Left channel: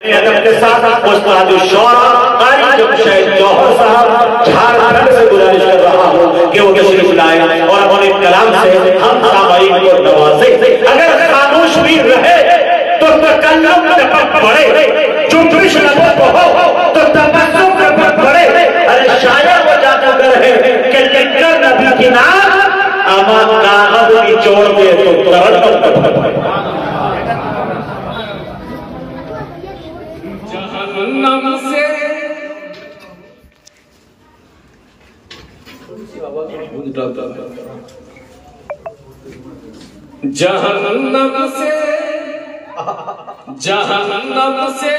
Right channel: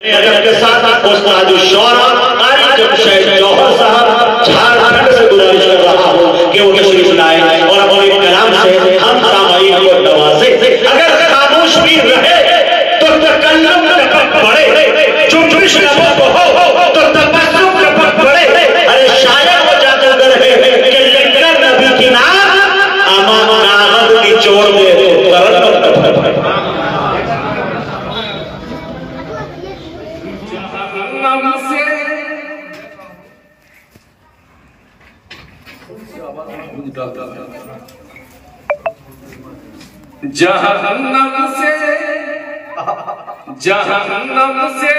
के साथ उस्ताद शौरा कारी जमशेद जौहर साहब झारखंड से गुजारिश कर रहा हूँ कि वो तशरीफ लाए और अपने कलाम से हम सामाईन को नवाजे। अगर खामोश भी रहे तो तकल्लुम टपक पड़े, चुप्पिश लबों को हो तो तबस्सुम टपक पड़े। अरे शायर वो जाकर रहे कि लिखकर नबी की नाम अमान कागज निचोड़ दे तो तरन्नुम टपक पड़े। जहन्नम से जहन्नम से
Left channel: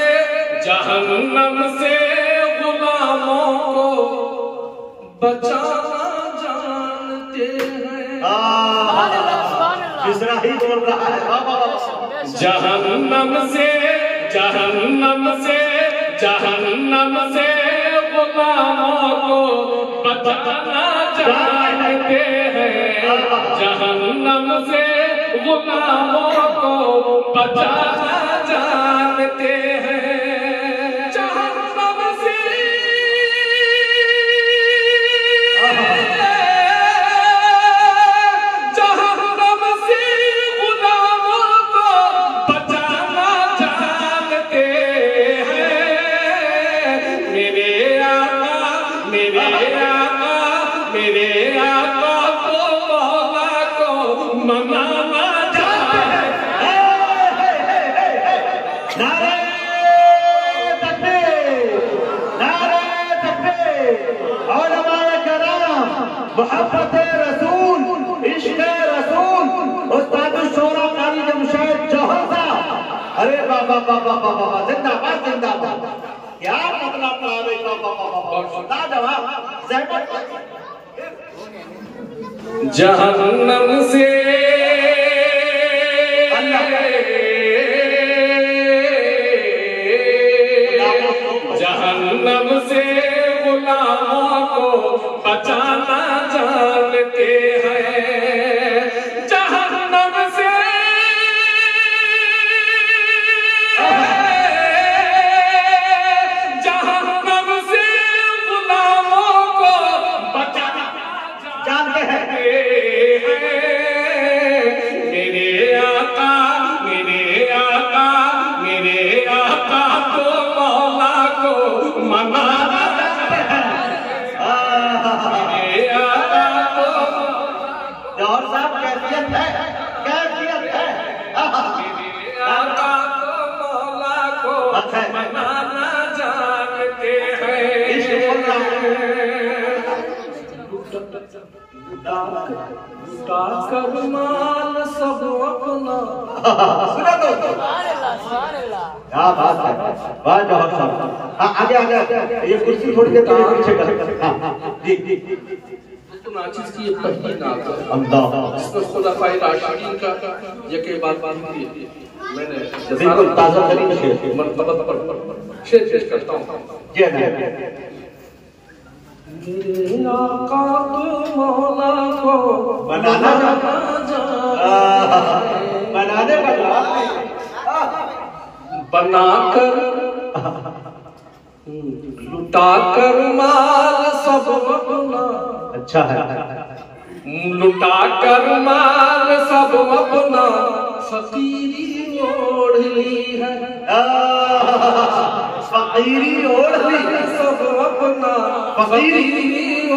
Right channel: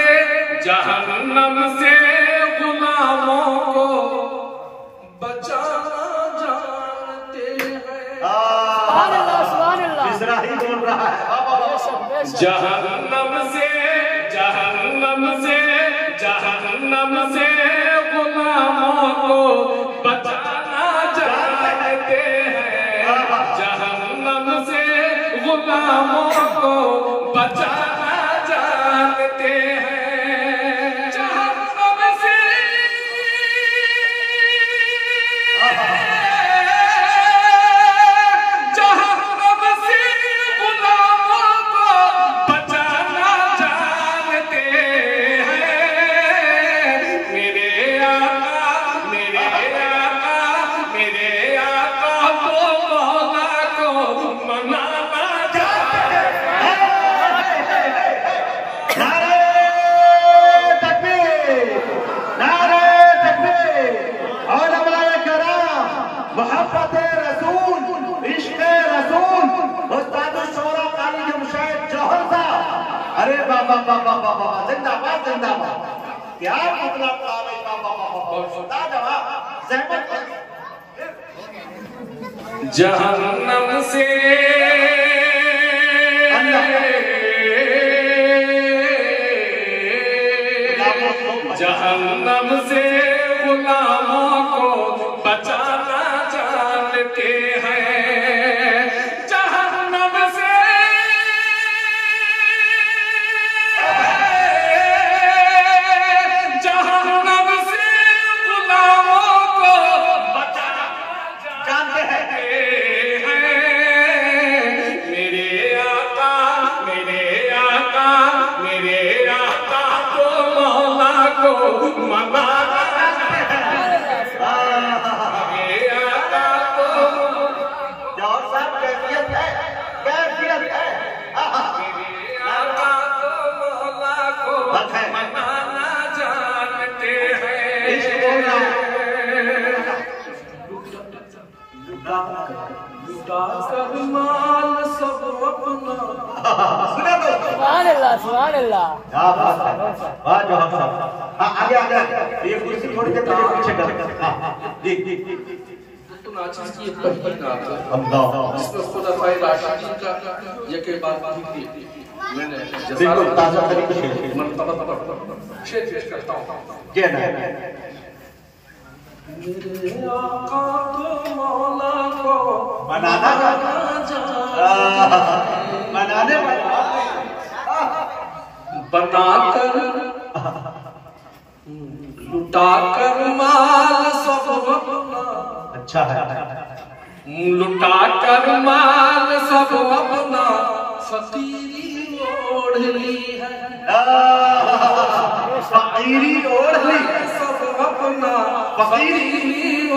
जहन्नम से गुलामों को बचाना जानते हैं। ही बोल रहा है जहन्नम से जहन्नम से जहन्नम से गुलामों को बचाना जानते हैं। जहन्नम से गुलामों को बचाना जानते हैं। जहन्नम से जहन्नम से गुलामों को बचाना जानते हैं। मेरे आका मेरे आका मेरे आका को मौला को मनाना जानते हैं। नारे तकबीर, नारे तकबीर, उलमाए किराम, मोहब्बत रसूल, इश्क़ रसूल, उस्ताद शौरा कारी जमशेद जौहर साहब। अरे बाबा बाबा बाबा जिंदाबाद जिंदाबाद। क्या मतलब नारे का बाबा जहन्नम से जहन्नम से गुलामों को बचाना जानते हैं। जहन्नम से जहन्नम से गुलामों को बचाना जानते हैं। मेरे आका मेरे आका मेरे आका को मौला को मनाना मेरे आका को जौहर साहब कैफियत है, कैफियत है। मेरे आका को मौला को मनाना जानते हैं। लुटा कर माल सब अपना सुना तो क्या बात है, वाह जौहर साहब। आगे आगे ये कुर्सी थोड़ी देर के लिए पीछे कर। हाँ जी जी तो नाचिस की ये पहली नात है। अल्लाह इसमें खुलाफाए राशिदीन का यके बाद मैंने बिल्कुल ताज़ा तरीन शेर मनक़बत पर शेर पेश करता हूँ। ये नहीं मेरे आका तो मौला को बनाना बनाने बनाकर लुटा कर माल सब अपना। अच्छा है। लुटा कर माल सब अपना फकीरी ओढ़नी है। फकीरी ओढ़नी सब अपना फकीरी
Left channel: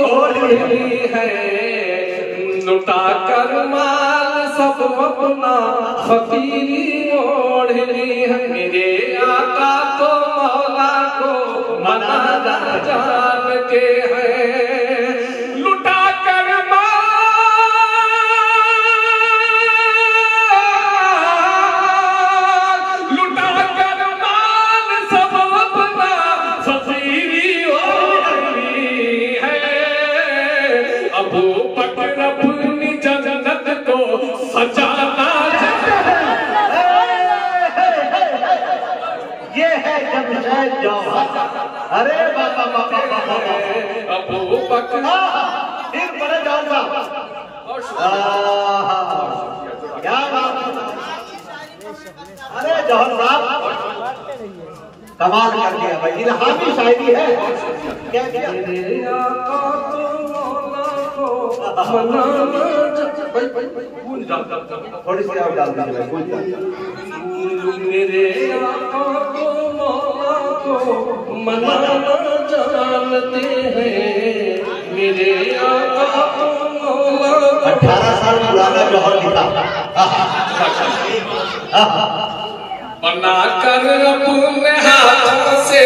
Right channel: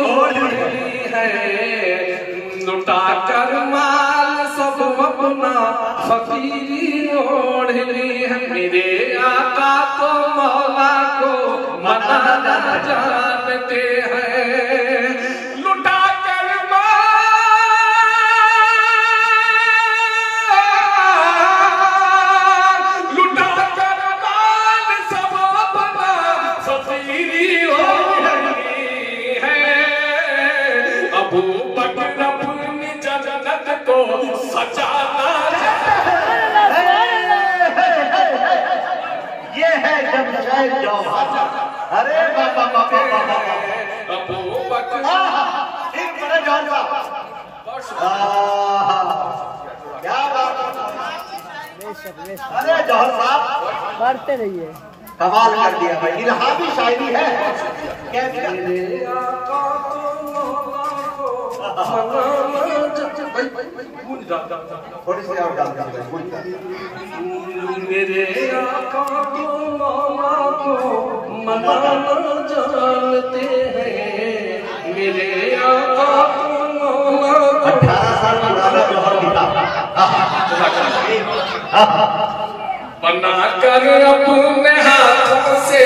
ओढ़नी है। लुटा कर माल सब अपना फकीरी ओढ़नी है। मेरे आका तो मौला को मनाना जानते हैं। लुटा कर लुटा कर माल सब अपना फकीरी ओढ़नी है। अबू बकर अपनी जन्नत को सजाना ये है जमशेद जौहर। अरे बाबा बाबा अबू बकर फिर बड़े जौहर साहब क्या बात है। अरे जौहर साहब कमाल कर दिया भाई, इल्हामी शायरी है। क्या किया? थोड़ी सी और डाल दीजिए भाई, मेरे आका को मौला को मनाना जानते हैं, मेरे आका को मौला को 18 साल पुराना जौहर दिखा बना कर अपने हाथों से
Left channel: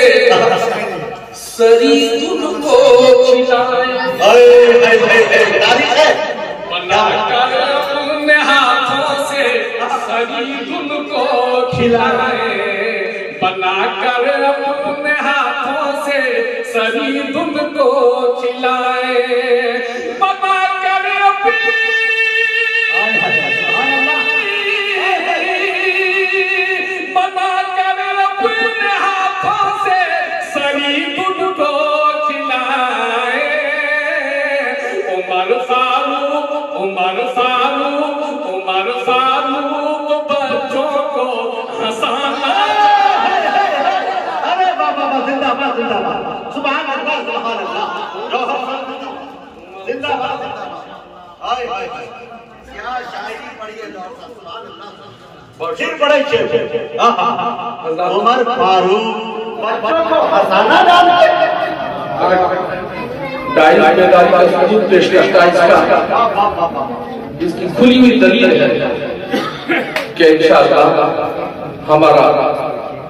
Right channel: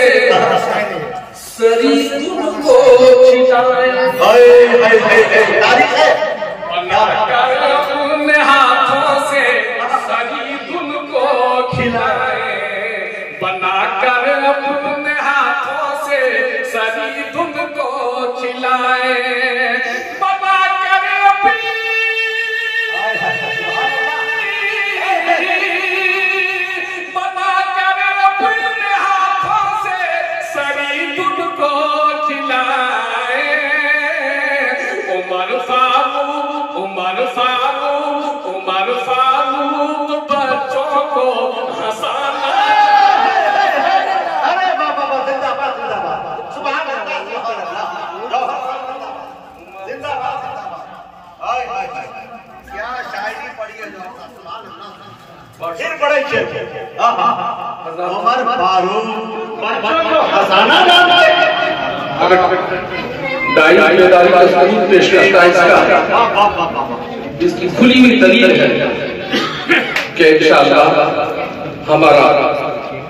सरी तुमको खिलाए, बना कर अपने हाथों से सरी तुमको खिलाए, बना कर अपने हाथों से सरी तुमको खिलाए, बना कर उमर फारूक बच्चों को हंसाना। अरे बाबा जिंदाबाद जिंदाबाद, सुभान अल्लाह सुभान अल्लाह, जिंदाबाद जिंदाबाद। हाय हाय हाय, क्या शायरी पढ़ी है जौहर साहब, सुभान अल्लाह। फिर पढ़ाई चल उमर फारूक बच्चों को हंसाना जानते हैं। दाई बेदारी का सबूत पेश करता है इसका, इसकी खुली हुई दलील है कि इंशाअल्लाह हमारा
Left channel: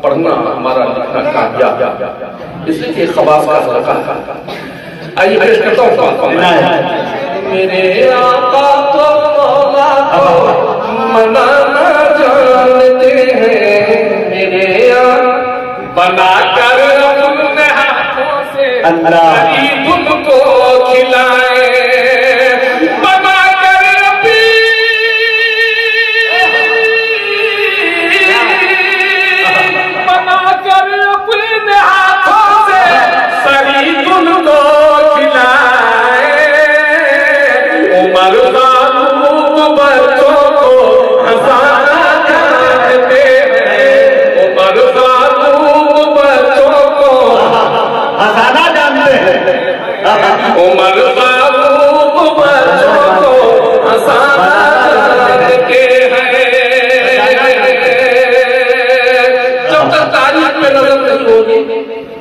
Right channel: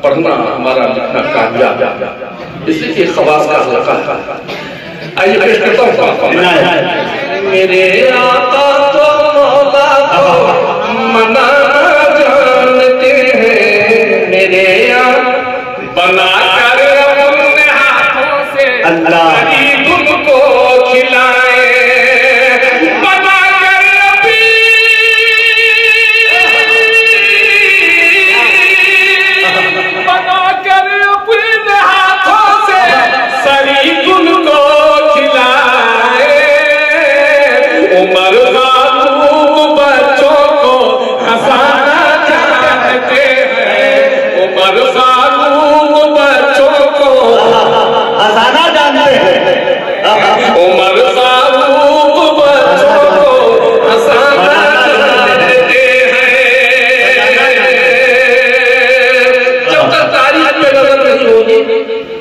पढ़ना, हमारा लिखना कामयाब, इसलिए कि खवास का हल्का। आइए पेश करता हूँ। मेरे आका तो मौला को मनाना जानते हैं, मेरे आका बना कर अपने हाथों से अल्लाह तुमको खिलाए, बना कर अपने हाथों से सरी तुमको खिलाए, उमर फारूक बच्चों को हंसाना जानते हैं, उमर फारूक बच्चों को हंसाना जानते हैं, उमर फारूक बच्चों को हंसाना जानते हैं। जब तक तारीख पे नजर नहीं होगी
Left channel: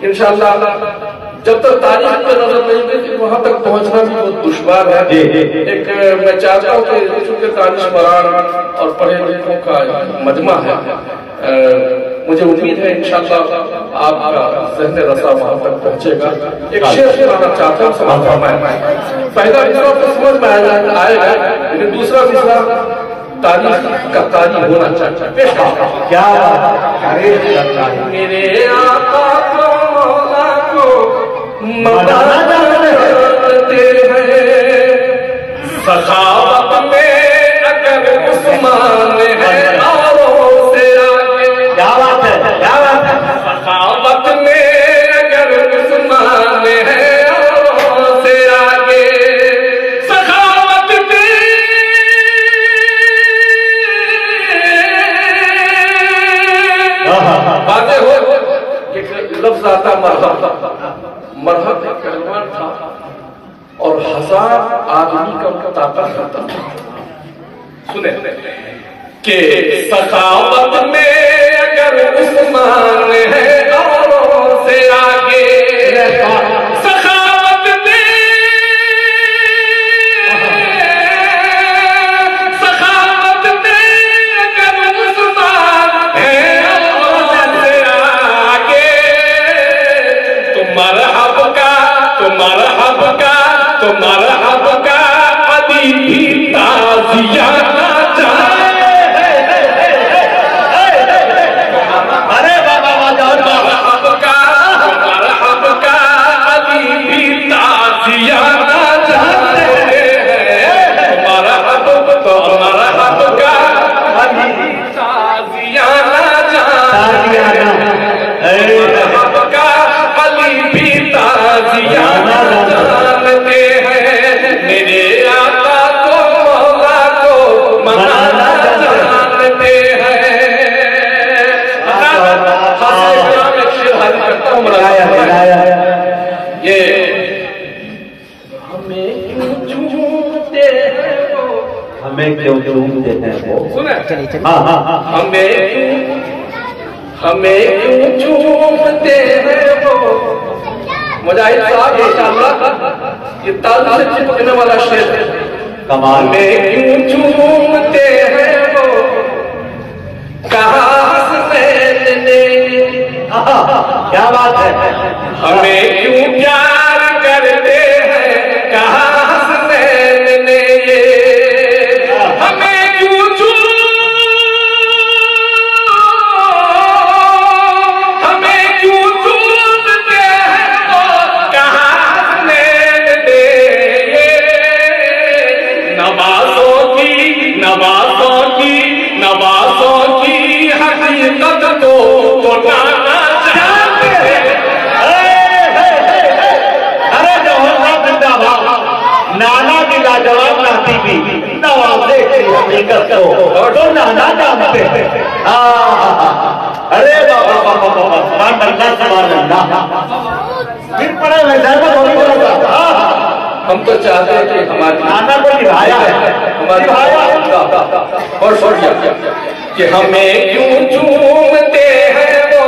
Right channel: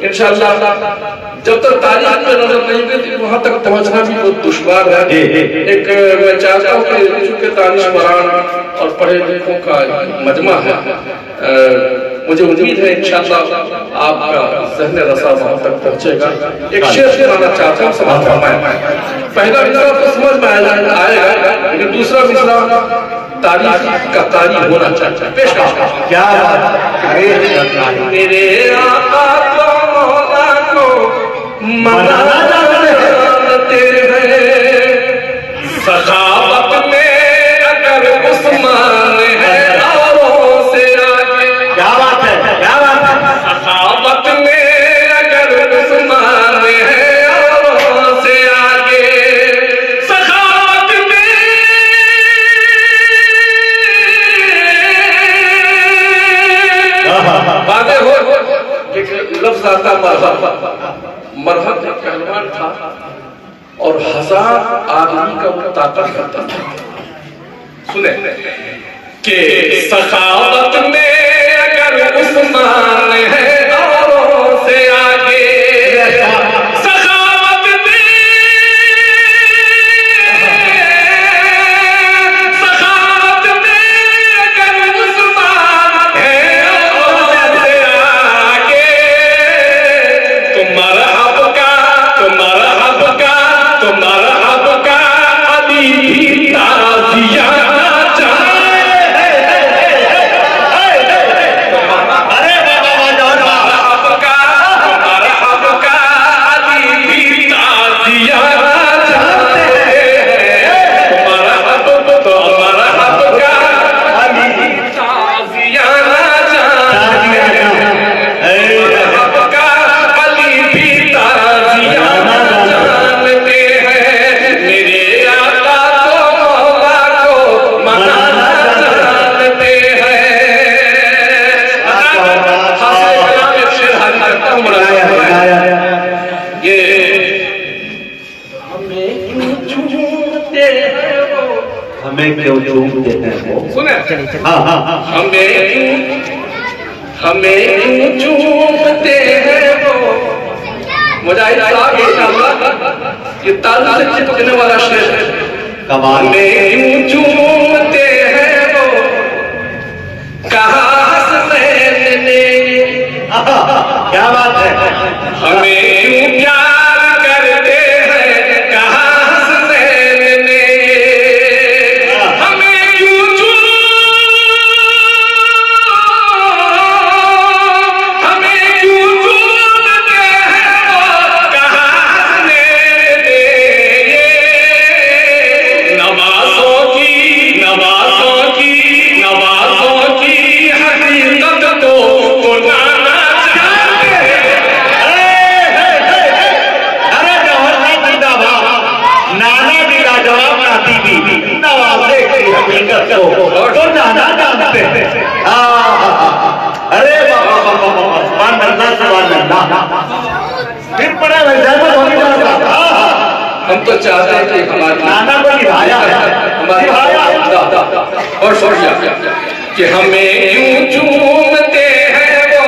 इंशाअल्लाह, जब तक तारीख पे नजर नहीं होगी वहां तक पहुंचना भी बहुत दुश्वार है। एक मैं चाहता हूँ कि चूंकि दानिशमरान और पढ़े लिखों का मजमा है, मुझे उम्मीद है इंशाअल्लाह आपका ज़हन रसा वहां तक पहुंचेगा। एक शेर सुनाना चाहता हूँ, समाज फरमाएं। पहला मिसरा तो समझ में आएगा, लेकिन दूसरा मिसरा तारीफ का तारीफ होना चाहिए। पेश क्या बात है। मेरे आका को मौला को मनाना जानते हैं, सखावत में अगर उस्मान है औरों से आगे। क्या बात है, क्या बात है। सखावत में अगर उस्मान है औरों से आगे, सखावत में बातें हो। एक लफ्ज आता मरहम का पहलवान था और 1000 आदमी का ताकत करता था। सुने कि सखावत में अगर उस्मान है औरों से आगे, सखावत में अगर उस्मान है औरों से आगे, तुम्हारा अली भी ताजियाना चाहे। अरे बाबा तुम्हारा अली भी ताजियाना चाहते हैं, तुम्हारा हब का अली ताजियाना चाहते हैं, हब का अली भी ताजियाना जानते हैं, मेरे आका को मौला को तारीफ करता हूँ ये हमें क्यों चूमते हैं वो, हमें क्यों चूमते हैं वो, सुने हाँ हाँ हाँ, हमें क्यों चूमते हैं वो। मुजाहिद साहब इंशाअल्लाह ये ताल से चिपकने वाला शेर है। कमाल। हमें क्यों चूमते हैं वो, कहा हसनैन ने, क्या बात है, हमें क्यों प्यार करते हैं, कहा हसनैन ने, हमें क्यों चूमते हैं वो, कहा हसनैन ने। नवाज़ों की हकीकत को नाना जानते हैं। अरे जवाहर साहब जिंदाबाद, नाना की लाजवाब नाती भी नवाज़े की हकीकत को तो नाना जानते हैं। अरे बाबा सुभान अल्लाह, फिर पड़े हुए जाना होगी थोड़ा सा। हम तो चाहते हैं कि हमारे नाना को निभाया है, निभाया और छोड़िया कि हमें क्यों चूमते हैं वो,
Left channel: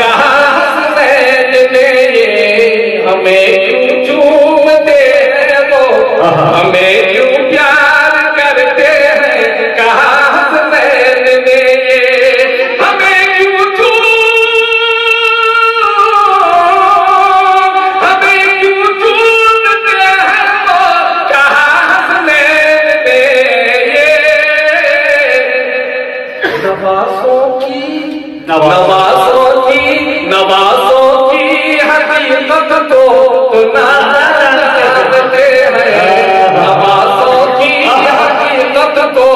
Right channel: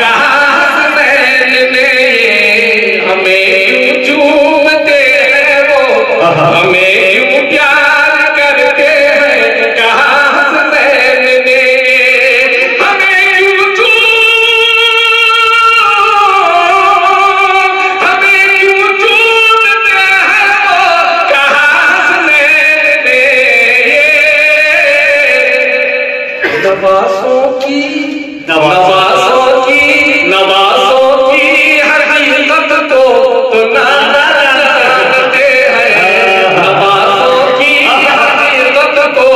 कहा हसनैन ने, हमें क्यों चूमते हैं वो, हमें क्यों प्यार करते हैं, कहा हसनैन ने, हमें क्यों चूमते हैं वो, कहा हसनैन ने। नवाज़ों की हकीकत तो नाना जानते हैं। नवाज़ों की हकीकत तो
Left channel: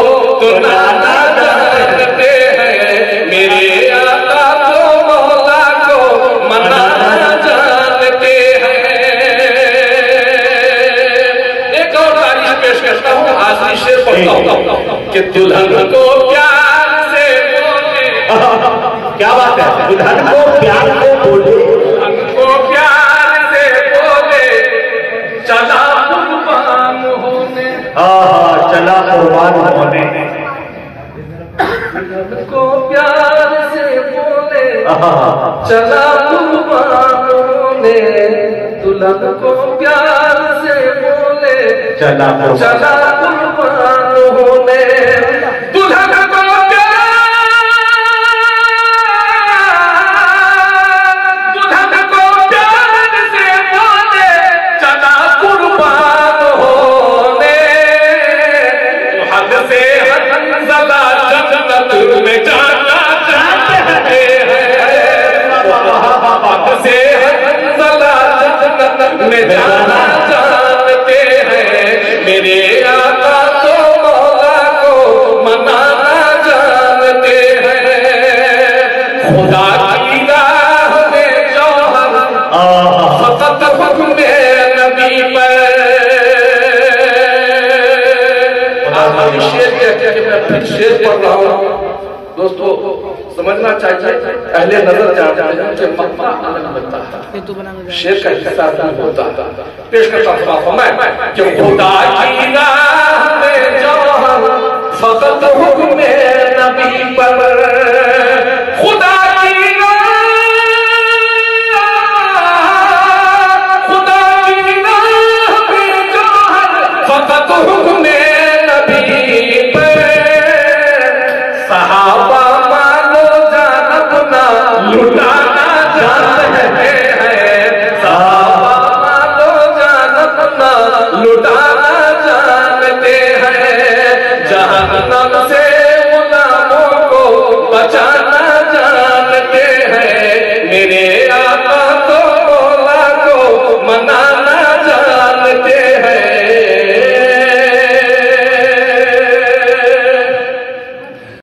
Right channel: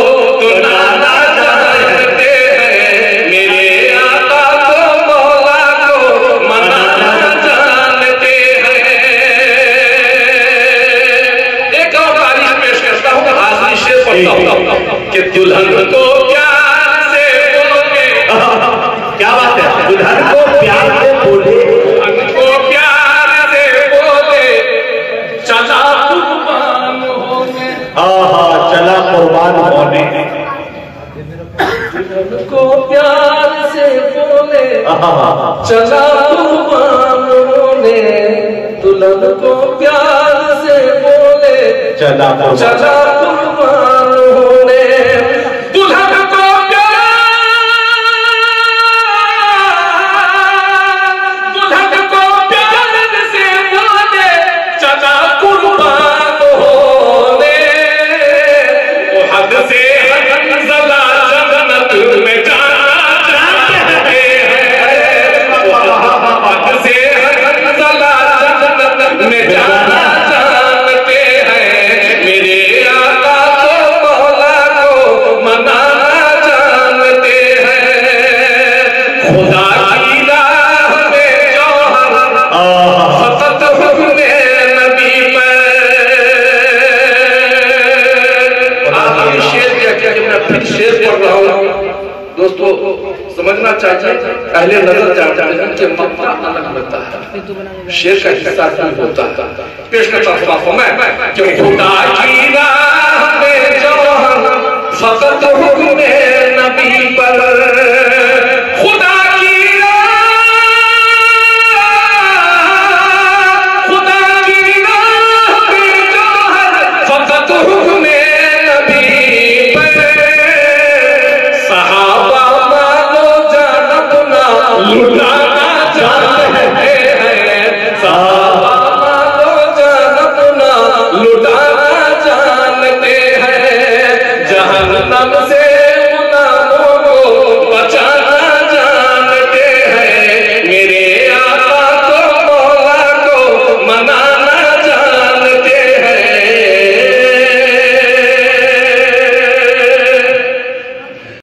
नाना जानते हैं। मेरे आका को मौला को मनाना जानते हैं। एक और तारीफ पेश करता हूँ, आखिरी शेर पढ़ता हूँ कि दुल्हन को क्या बात है, दुल्हन को प्यार से बोले, हमको प्यार से बोले, चला कुर्बान होने, चला कुर्बान होने, हमको प्यार से बोले, चला कुर्बान होने, दुल्हन को प्यार से बोले, चला कुर्बान होने, दुल्हन को में जाना चाहते हैं, मेरे आका को मौला को मनाना जानते हैं। खुदा की राह में जो हम सतत हुक्म नबी पर। आप शेर क्या मैं फिर शेर पढ़ रहा हूँ दोस्तों, समझना चाहिए। पहले नजर जाते हैं कि मक्का अलग लगता है, शेर का हिस्सा भी होता है। पेश करता हूं मैं कि खुदा की राह में जो हम सतत हुक्म नबी पर, खुदा की राह में जो हम सतत हुक्म नबी पर, सहाबा लुटाना जानते हैं,